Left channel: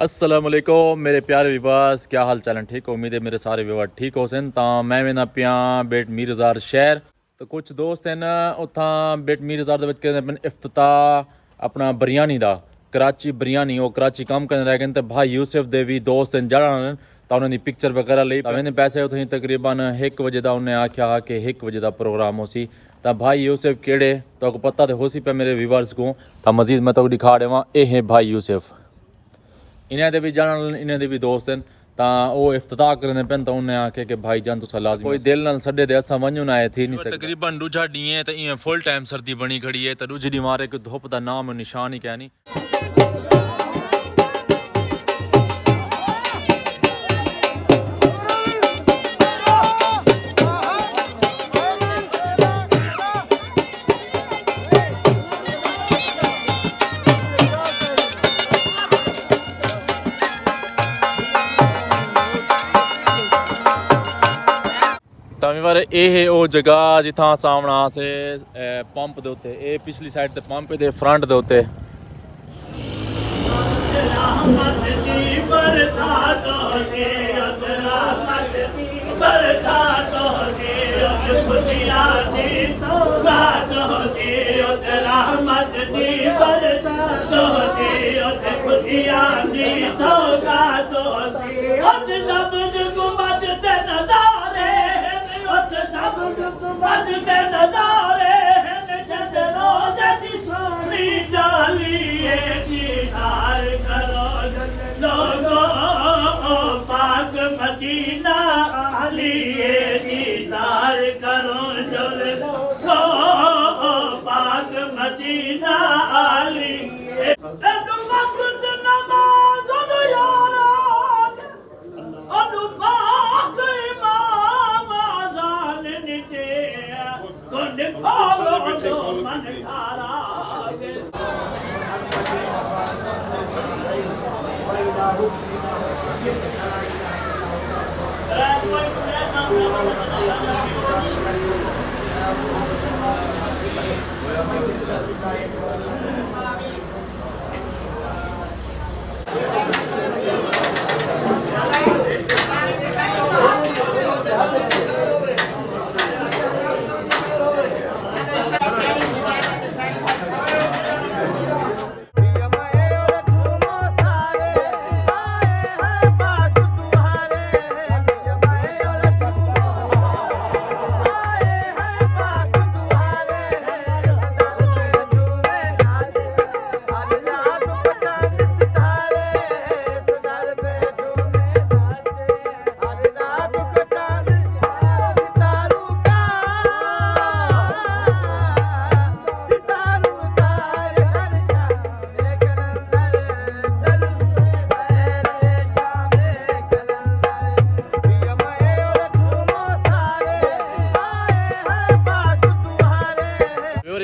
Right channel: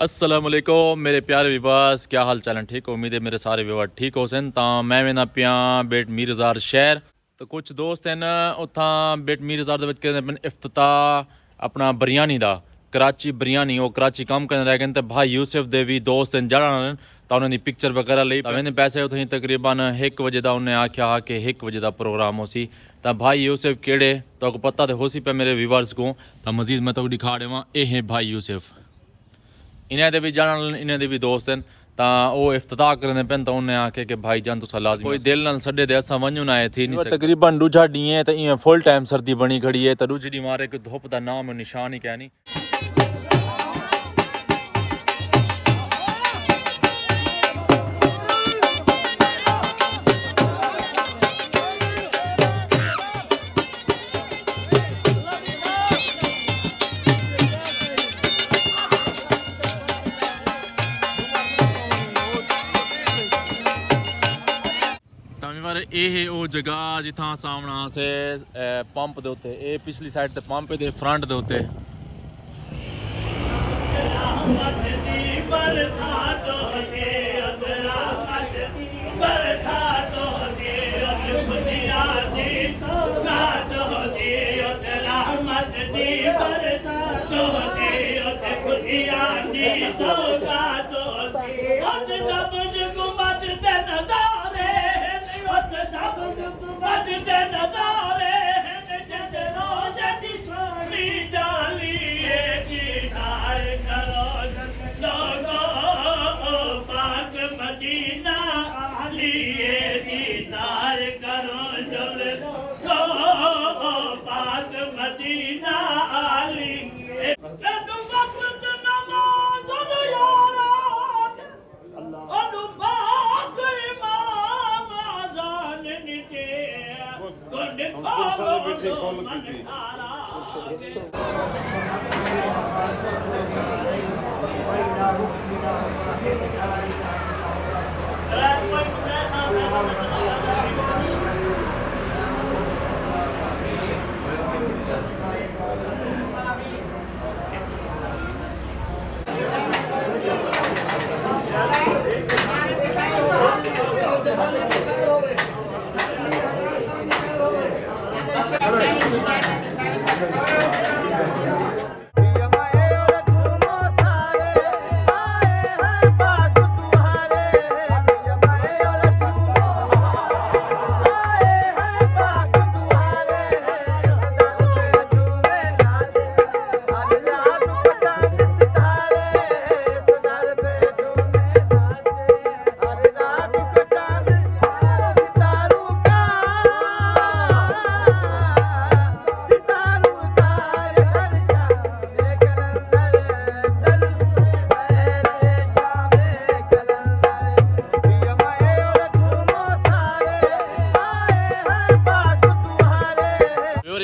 अस्सलाम वालेकुम मेरे प्यारे विवास, क्या हाल चाल है? ठीक हो? उम्मीद है मेरे सारे विवास ठीक हो सन। तो मैं वेना पिया बेट मीरजार शहर, तो कुछ दोस्त हैं ना उथा बेट मीरजार इफ्तिताह अपना बिरयानी दा कराची बिरयानी वो कराची काम करने रह गए। तो भाई यूसुफ दे भी दोस्त हैं जड़ा तो उन्होंने पिक्चर वगैरह ली मैंने पैसे उठे तकरीबन 1 बजे का उन्हें आख्या कि 1 बजे का प्रोग्राम हो सी। तो भाई यूसुफ केड़े तो पता तो हो सी पे मेरे व्यूवर्स को। तो मजीद मैं तो दिखा देवा, ये है भाई यूसुफ, इन्हें भी जान इन्हें भी दोस्त हैं। तो वो इफ्तिताह करने पे तो उन्हें आखे कि भाई जान तुसा लाजमी कोई दिल नाल सडे दे असा वंजू ना थी नहीं सकता। तकरीबन दूजा डी है तो इं फुल टाइम सर्दी बनी खड़ी है। तो दूजी डी मारे कोई धुप का नाम निशान ही क्या नहीं। ਇਹ ਹੈ ਉਹ ਜਗ੍ਹਾ ਜਿੱਥਾਂ ਸਾਹਮਣਾ ਸੇ ਪੰਪ ਦੇ ਉੱਤੇ, ਇਹ ਪਿਛਲੀ ਸਾਈਡ ਤੇ ਪੰਪ ਦੇ ਫਰੰਟ ਦੇ ਉੱਤੇ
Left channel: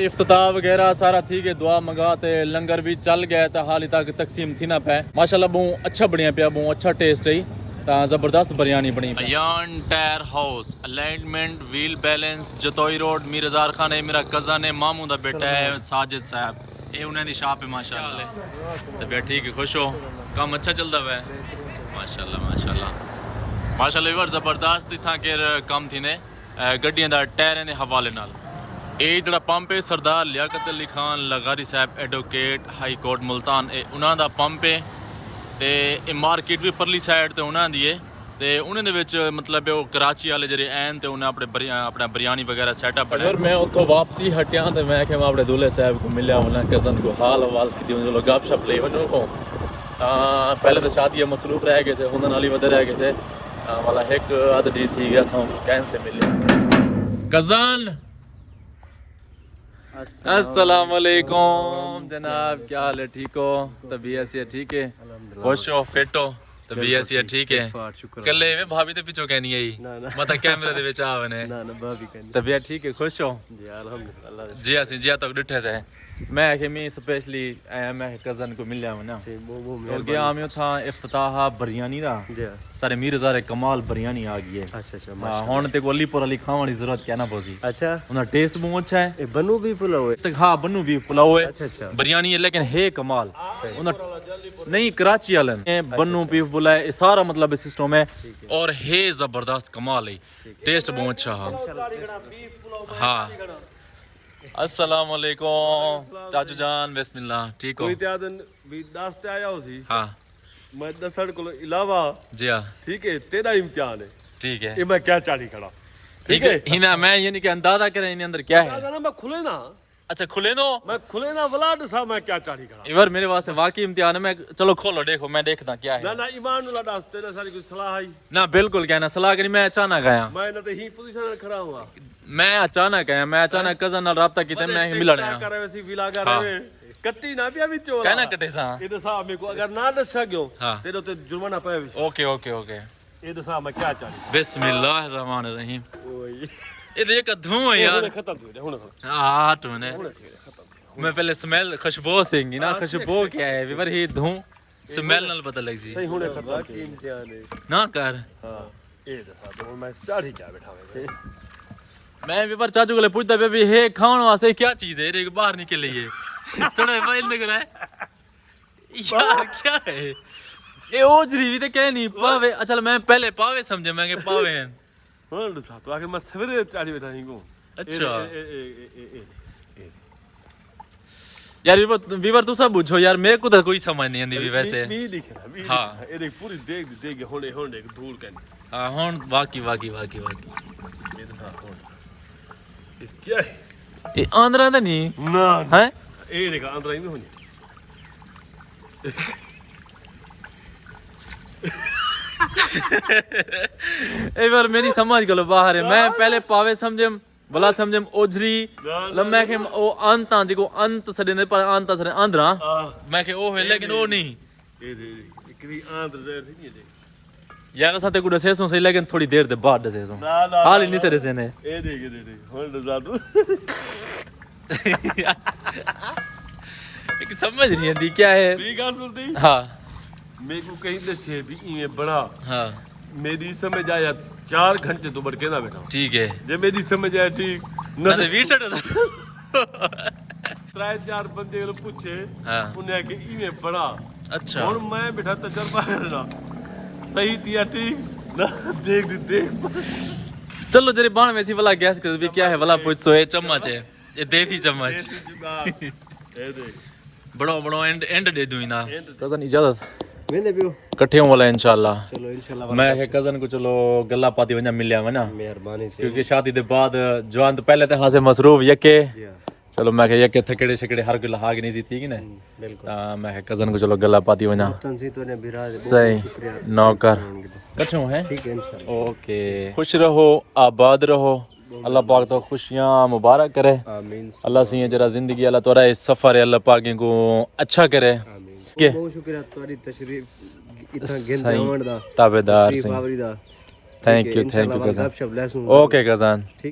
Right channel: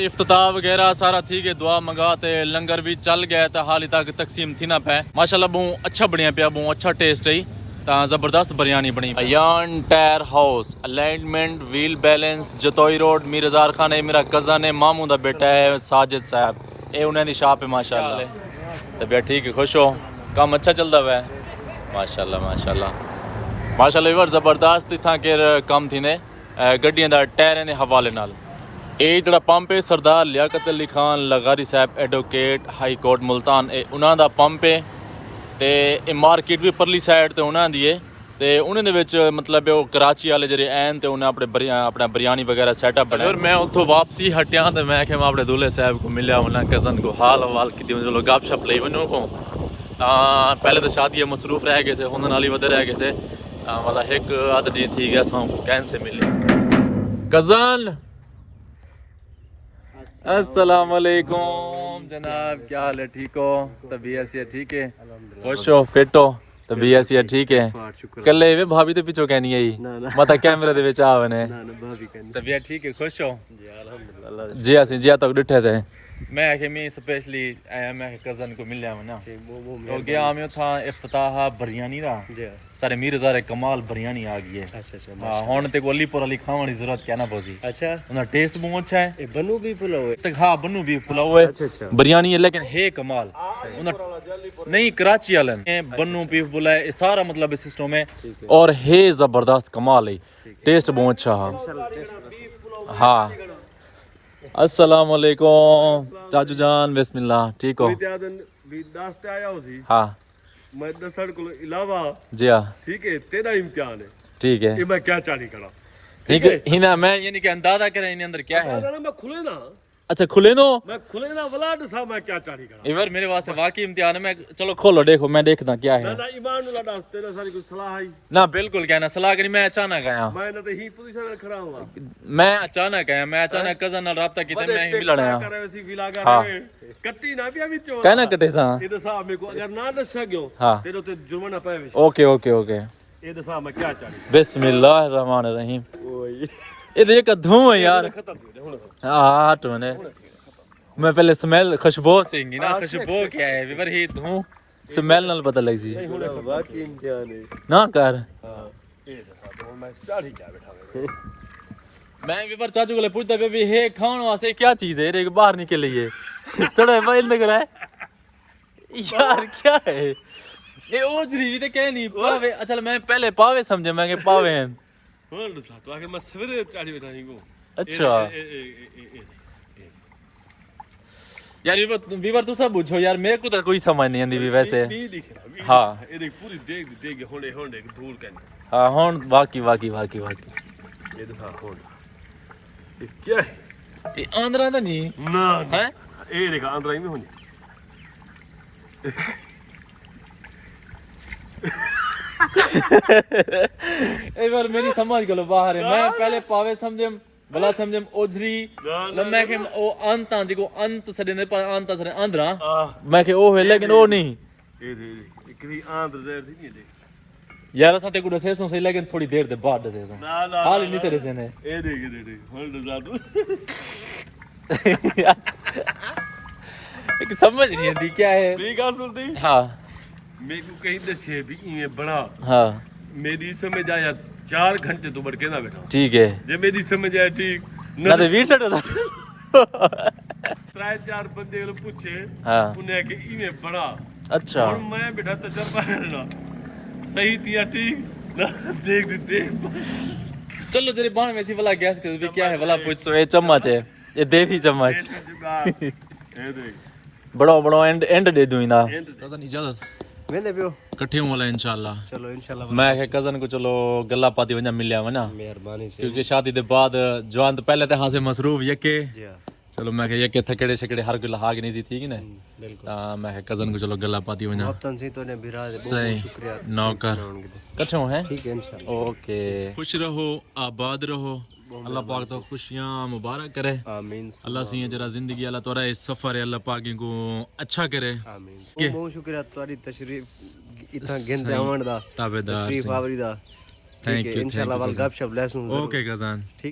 इफ्तिताह वगैरह सारा ठीक है, दुआ मंगाते लंगर भी चल गया तो हाल तक तकसीम थी ना पे माशाल्लाह बहुत अच्छा बनिया पिया, बहुत अच्छा टेस्ट है। तो जबरदस्त बिरयानी बनी। Ayan tyre house alignment wheel balance Jatoi road मीरजार खान है, मेरा कज़न है, मामू का बेटा है साजिद साहब, ये उन्हें शॉप है माशाल्लाह। तबीयत ठीक है, खुश हो, काम अच्छा चलता हुआ है माशाल्लाह माशाल्लाह माशाल्लाह। जबरदस्त इतना के कम थी ने गड्डियों का टायर के हवाले नाल। ये जो पंप है सरदार लियाकत अली खान लगारी साहब एडवोकेट हाई कोर्ट मुल्तान, उन्होंने पंप है। तो मार्केट भी परली साइड तो उन्होंने है। तो उन्होंने मतलब वो कराची वाले जो एन तो उन्हें अपना बिरयानी वगैरह सैटअप बनाया। मैं उतो वापसी हटिया तो मैं अपने दूल्हे साहब को मिलिया, उन्हें कज़न को हाल वाल की चलो गप शप ली वनों को। पहले तो शादी मसरूफ रह गए थे, हुंदन वाली वधे रह गए थे, मतलब एक आध डी थी गया कैन से मिले कज़न। अस्सलाम वालेकुम जनाब, क्या हाल है? ठीक हो? तबीयत से ठीक है? खुश हो, फिट हो? तबीयत से ठीक है? कल्ले वे भाभी दे पिछो कहनी है मता कैमरे दे विच आवने तबीयत ठीक है? खुश हो? जी अल्हम्दुलिल्लाह जी असी जी तक डिठे से मैं कि मैं स्पेशली आया मैं कजन को मिलया हूं ना वो तो गया मैं था इफ्तिताह बिरयानी दा जी सारे मीर ज़ारे कमाल बिरयानी आ गई है अच्छा अच्छा हां हुन ते को अलीपुर अली खावन की जरूरत क्या ना पोसी अच्छा उनका टेस्ट बहुत अच्छा है ये बनू भी पुलाव है तक हां बन्नू भी पुलाव है अच्छा अच्छा बिरयानी है लेकिन है कमाल उनका नहीं कराची वालन बन्नू भी पुलाव है सारा मतलब सिस्टम है और है जबरदस्त कमाल है टेस्ट बहुत अच्छा है हां अस्सलाम वालेकुम चाचू जान बिस्मिल्लाह ठीक हो भी नाश्ते आया हो सी हाँ मैं दसण को इलावा जी हाँ ठीक है तेरा इम्तिहान है ठीक है ये मैं क्या चाली खड़ा ठीक है हिना मैं यानी कि अंदाजा करें इन अंदर क्या है ना मैं खुले ना अच्छा खुले दो मैं खुले ना वलाड सा मैं क्या चाली खड़ा इवर मेरे वास्ते वाकई इम्तिहान है मैं चलो खोलो देखो मैं देखता क्या ना है ना ईमान ला दास तेरे सारी कोई सलाह आई ना बिल्कुल क्या ना सलाह करी मैं अचानक आया मैं ना तो ही पोजीशन में खड़ा हुआ मैं अचानक आया मैं अचानक कजन नाल राब्ता कीता मैं ही मिलण आया करे वैसी विला कर हाँ। रहे कट्टी ना पिया विच कहना कटे सा ये दसा मेरे को अगर ना दसा गयो हाँ। फिर तो जुर्माना पे ओके ओके ओके ये दसा मैं क्या चाली बिस्मिल्लाहिर रहमानिर रहीम ये देख धुआं है यार खत्म हो हुन हाँ तो ने मैं पहले स्मेल खुशबू सिंगी ना खुशबू क्या है विवर ही धुआं स्मेल नाल पता लग सी सही होने बाकी इम्तिहान है ना कर हां ये दसा तो मैं चाली क्या बैठा मैं विवर चाचू को पूछता पे भी हे खाने वास्ते क्या चीज है रे बाहर निकल लिए थोड़ा मोबाइल लग रहा है यार क्या है ये ओजरी भी तो कह नहीं पावे अच्छा मैं पहले पावे समझे मैं के पावे हैं हां दसा तो आगे मैं सवेरे चाली बैठा ही को अच्छा यार विवर तू सब पूछो यार मेरे को तो कोई समझ नहीं आंदी भी वैसे हाँ ये देख पूरी देख होने होने धूल कन हाँ हुन वाकई वाकई वाकई वाकई ये दसा होने ये क्या है ये आंध्रा तो नहीं ना हैं ये देख अंदर ही में होने एक बार मेरी समझ गलो बाहर है मैं पहले पावे समझे भला समझे ओझरी मैं के ओ अंत जिको अंत सडे ने पर अंत सडे आंध्रा मैं के ओ है लेकिन ओ नहीं ये देख इकरी आंध्र जहर थी नहीं देख यार असा ते को दसे सो सही लेकिन थोड़ी देर दे बाद दसे सो हाल ही नहीं से दसे ने ये देख होने दसा तू एक समझ नहीं आती क्या है ये गाल सुनती हाँ मेरे को कहीं दसे भी ये बड़ा हाँ मेरी समझ आया 4 घंटे तो बढ़ के ना बैठा ठीक है जे मेरी समझ आया ठीक ना तो वीर सट था 3-4 बंदे को पूछे हाँ उन्हें कि इने बड़ा अच्छा और मैं बैठा तजर्बा करना सही थिया ठीक ना देख चलो जरे बाण में सी वाला गैस कर भी क्या है वाला पूछ सो ये चम्मच है ये देवी चम्मच ये देख बड़ो बड़ो एंड दे दूं ना कजन इजाजत मैंने भी इकट्ठे हों वाला इंशाल्लाह चलो इंशाल्लाह मैं के कजन को चलो गल्ला पाती वना मिलया वना मेहरबानी से क्योंकि शादी दे बाद जवान तो पहले ते हासे मसरूफ यके जी हां चलो मैं के यके थकेड़े छकेड़े हर कोई लहाग नहीं थी कि ने बिल्कुल मैं के कजन को चलो गल्ला पाती वना वतन से तो ने बिराज सही शुक्रिया नौकर इकट्ठे हैं ठीक है इंशाल्लाह ओके खुश रहो आबाद रहो अल्लाह पाक तो खुशियां मुबारक करे आमीन अल्लाह सी जरा जिंदगी अल्लाह तोरा इस सफर है अल्लाह पाक को अच्छा करे आमीन के बहुत शुक्रिया तुम्हारी तशरीफ इतना गेंद आवन दा ताबेदार तशरीफ सिंह आवरी दा थैंक यू इंशाल्लाह कजन गपशप लेसूं ओके कजन ठीक